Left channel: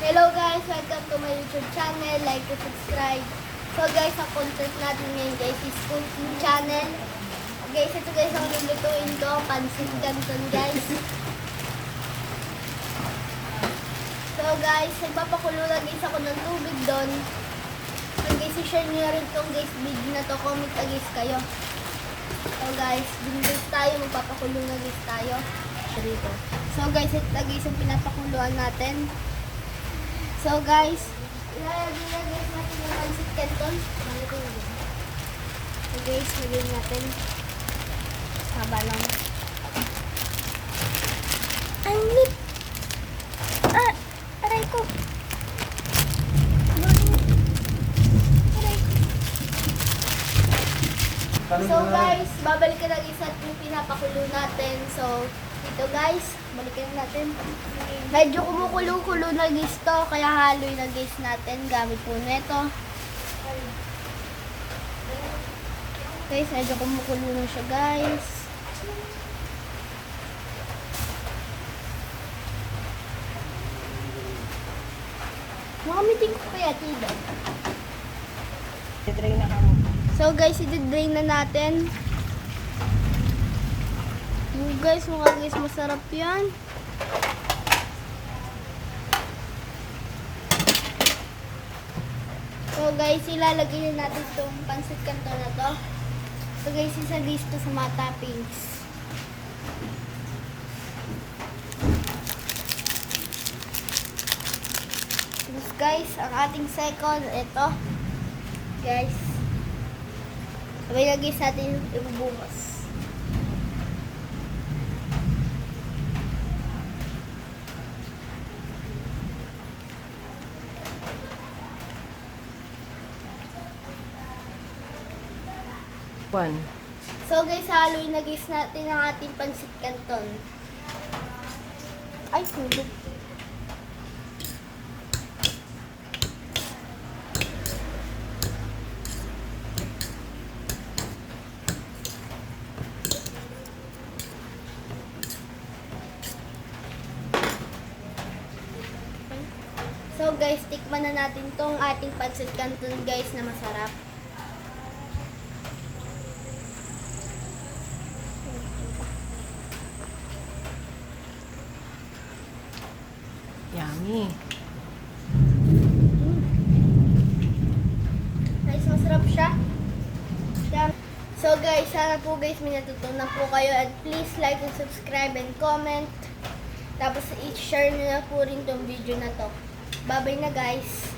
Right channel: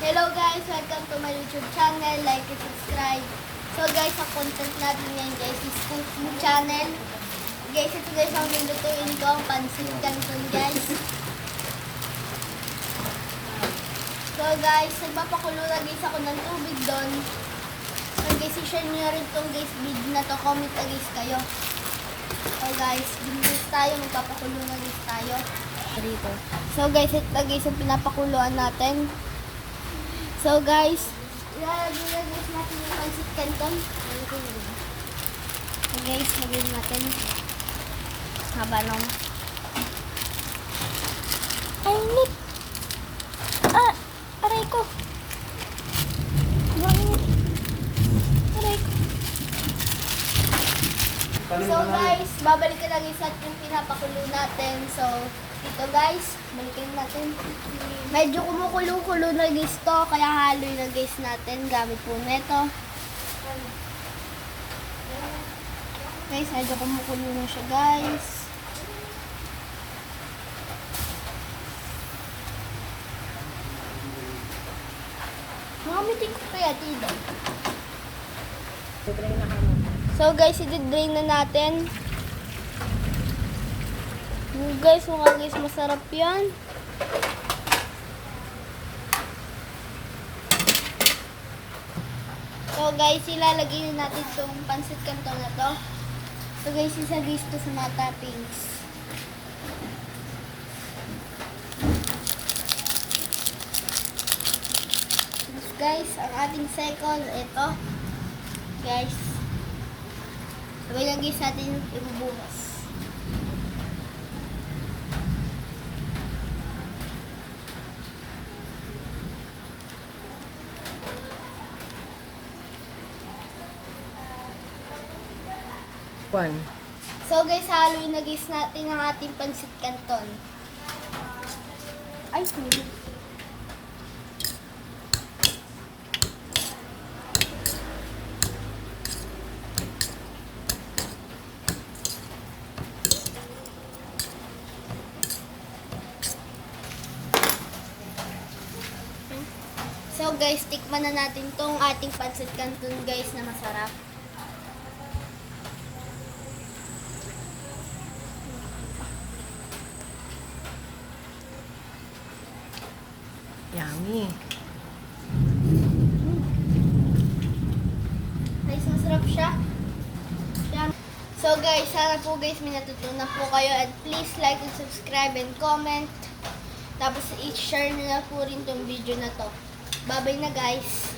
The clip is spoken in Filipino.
Hello guys, welcome to my YouTube channel. Like and subscribe. So guys, ang content natin ngayon guys is cooking channel. Guys, ito guys ang lulutuin ko, pansit canton guys. So guys, nagpapakulo na guys ako ng tubig doon. So guys, i-share nyo rin itong guys video na to. Comment na guys kayo. So guys, guys tayo, magpapakulo na guys tayo. Dito. So guys, ito guys yung pinapakuluan natin. So guys, ilalagay na guys natin yung pansit canton. So guys, lagyan natin. Haba lang. Ay, nip! Ah! Aray ko! Aray ko. So guys, babalikan na guys natin yung pinapakulo natin. So, dito guys, balikan natin. Medyo kumukulo-kulo na guys to, kaya haloy na guys natin gamit po neto. Guys, medyo kumukulo na siya guys. Makamitin ko kaya tida. So guys, i-drain na natin. Guys, mukha guys, masarap yan. So guys, ilalagay na natin itong pansit canton na to. So guys, isa dito sa mga toppings. Tapos guys, ang ating second, ito. Guys, sabay na guys natin ibubuhos. One. So guys, haluin na guys natin ang ating pansit canton. Ay, hindi. So guys, tikman na natin tong ating pansit canton guys na masarap. Yummy. Guys, masarap siya. Yan. So guys, sana po guys may natutunan po kayo, and please like and subscribe and comment. Tapos i-share nyo na po rin tong video na to. Bye-bye na guys.